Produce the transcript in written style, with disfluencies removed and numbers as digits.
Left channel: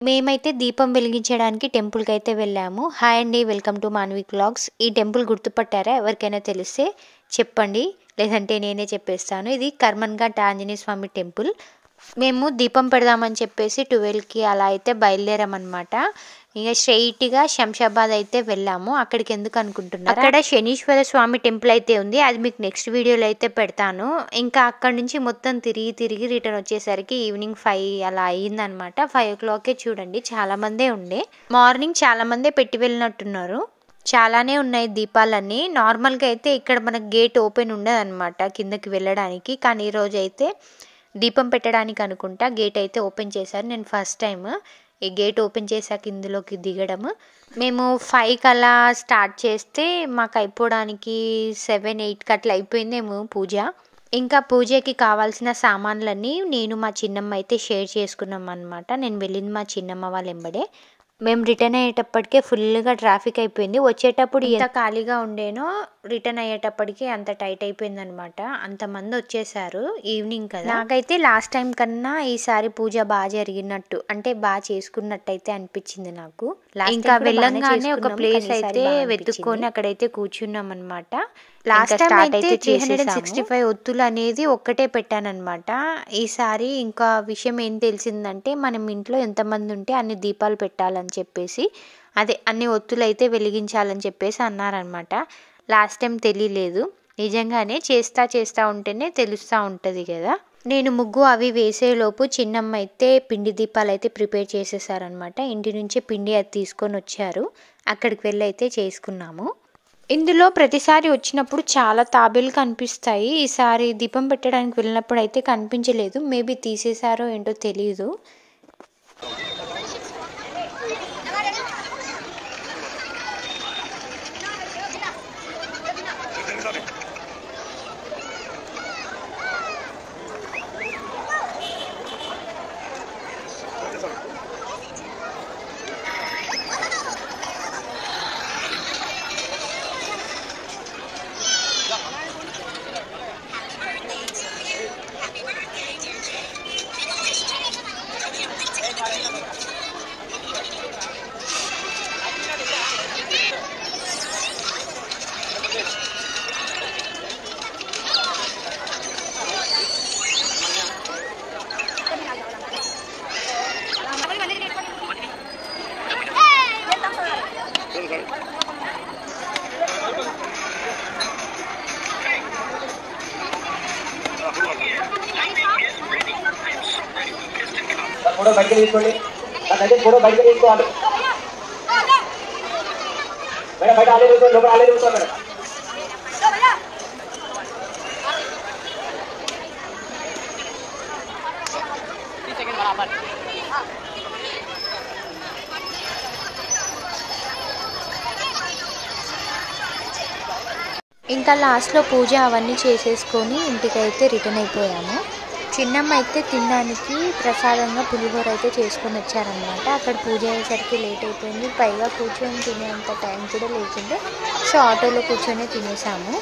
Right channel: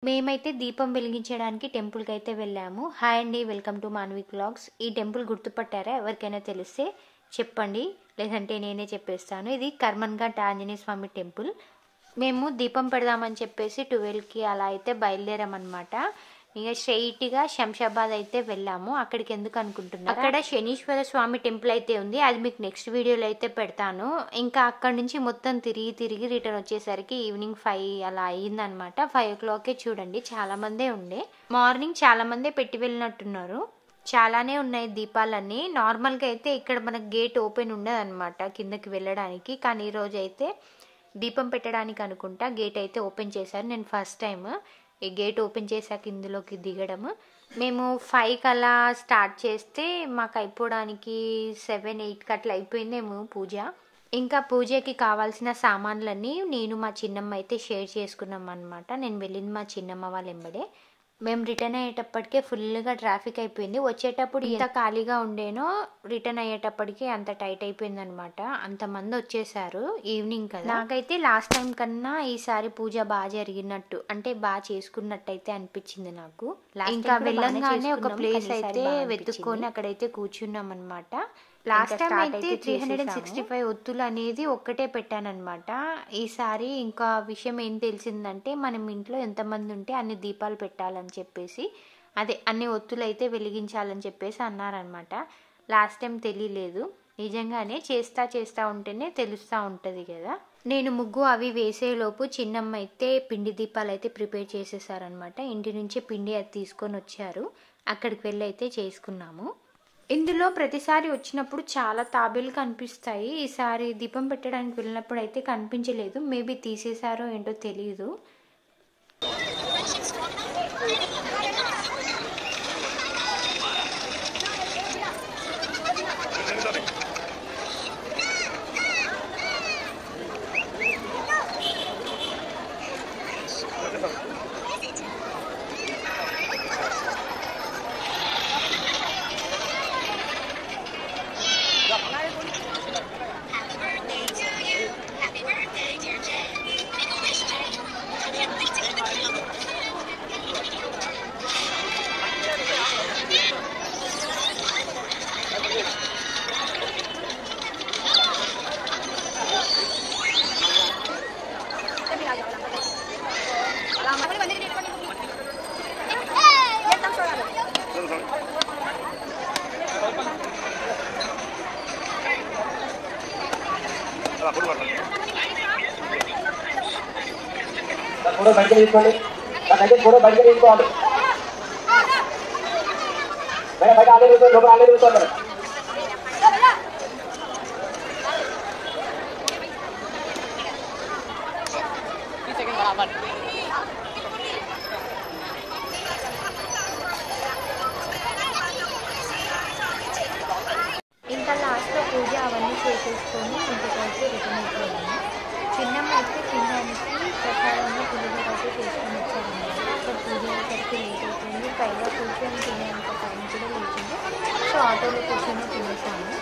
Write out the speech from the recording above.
మేమైతే దీపం వెలిగించడానికి టెంపుల్‌కైతే వెళ్ళాము. హాయ్ అండి. Welcome to Manvi vlogs. ఈ టెంపుల్ గుర్తుపట్టారా? ఎవరికైనా తెలిస్తే చెప్పండి. లేదంటే నేనే చెప్పేస్తాను. ఇది కర్మన్‌ఘాట్ ఆంజనేయ స్వామి టెంపుల్. మేము దీపం పెడదామని చెప్పేసి 12కి అలా అయితే బయలుదేరామన్నమాట. ఇక స్ట్రెయిట్‌గా శంషాబాద్ అయితే వెళ్ళాము. అక్కడికి ఎందుకు అనుకుంటున్నారా? అక్కడ శనీశ్వర స్వామి టెంపుల్ అయితే ఉంది. అది మీకు నెక్స్ట్ వీడియోలో అయితే పెడతాను. ఇంకా అక్కడి నుంచి మొత్తం తిరిగి రిటర్న్ వచ్చేసరికి ఈవినింగ్ 5 అలా అయ్యిందనమాట. 5:00కే చూడండి చాలామందే ఉండే. మార్నింగ్ చాలామందే పెట్టి వెళ్ళినట్టున్నారు. చాలానే ఉన్నాయి దీపాలన్నీ. నార్మల్‌గా అయితే ఇక్కడ మనకు గేట్ ఓపెన్ ఉండదనమాట కిందకి వెళ్ళడానికి. కానీ ఈరోజు అయితే దీపం పెట్టడానికి అనుకుంటా గేట్ అయితే ఓపెన్ చేశారు. నేను ఫస్ట్ టైం ఈ గేట్ ఓపెన్ చేశాక ఇందులోకి దిగడం. మేము 5కి అలా స్టార్ట్ చేస్తే మాకు అయిపోవడానికి 7, 8కి అట్లా అయిపోయిందేమో పూజ. ఇంకా పూజకి కావాల్సిన సామాన్లన్నీ నేను మా చిన్నమ్మ అయితే షేర్ చేసుకున్నాం అనమాట. నేను వెళ్ళింది మా చిన్నమ్మ వాళ్ళ ఎంబడే. మేము రిటర్న్ అయ్యేటప్పటికే ఫుల్గా ట్రాఫిక్ అయిపోయింది. వచ్చేటప్పుడు ఎంత ఖాళీగా ఉండేనో రిటర్న్ అయ్యేటప్పటికి అంత టైట్ అయిపోయిందనమాట. అంతమంది వచ్చేసారు ఈవినింగ్ కదా. నాకైతే లాస్ట్ టైం కన్నా ఈసారి పూజ బాగా జరిగినట్టు అంటే బాగా చేసుకున్నట్టు అయితే అనిపించింది నాకు. ఇంకా వెళ్ళంగానే ఒక ప్లేస్ అయితే వెతుక్కొని అక్కడైతే కూర్చున్నాం అనమాట. లాస్ట్ టైం అయితే 365 ఒత్తులు అనేది ఒక్కటే పెట్టానన్నమాట. ఈసారి ఇంకా విషయం ఏం తెలిసిందంటే మనం ఇంట్లో ఎంతమంది ఉంటే అన్ని దీపాలు పెట్టాలని చెప్పేసి అదే అన్ని ఒత్తులు అయితే వెలిగించాలని చెప్పేసి అన్నారనమాట. లాస్ట్ టైం తెలియలేదు. నిజంగానే చేస్తా ఉంటేనే తెలుస్తూ ఉంటుంది కదా. నేను ముగ్గు అవి వేసేలోపు చిన్నమ్మ అయితే పిండి దీపాలు అయితే ప్రిపేర్ చేసేసారనమాట. ఇంటి నుంచి పిండి అది తీసుకొని వచ్చారు. అక్కడికి వెళ్ళి అయితే చేసుకున్నాము. ఇందులో ప్రతిసారి వచ్చినప్పుడు చాలా తాబేలు కనిపిస్తాయి. ఈసారి దీపం పెట్టడానికి వెళ్ళినప్పుడు అయితే కనిపించలేదు. మేబీ తీసేసారో ఏంటో తెలీదు. ఫోటో బయటకు తీసుకోండి. ఫోటో బయటకు తీసుకోవాలి మేడం. బయట ఆలే కూర్చోండి, లోపల ఆలే కూర్చోండి మేడం. ఇంకా లాస్ట్లో పూజ అవన్నీ చేసేసుకొని ఇంటికైతే రిటర్న్ అయిపోయాము. చిన్నమ్మ అయితే తినడానికి ప్రసాదంగా పులిహోర అయితే చేసుకొని వచ్చారనమాట. అక్కడ పూజ అయ్యేసరికి లేట్ అయిపోయింది. పైగా కూర్చొని తినేంత టైం కూడా లేకుండే. సో ఆటోలో కూర్చొని తినేసాము.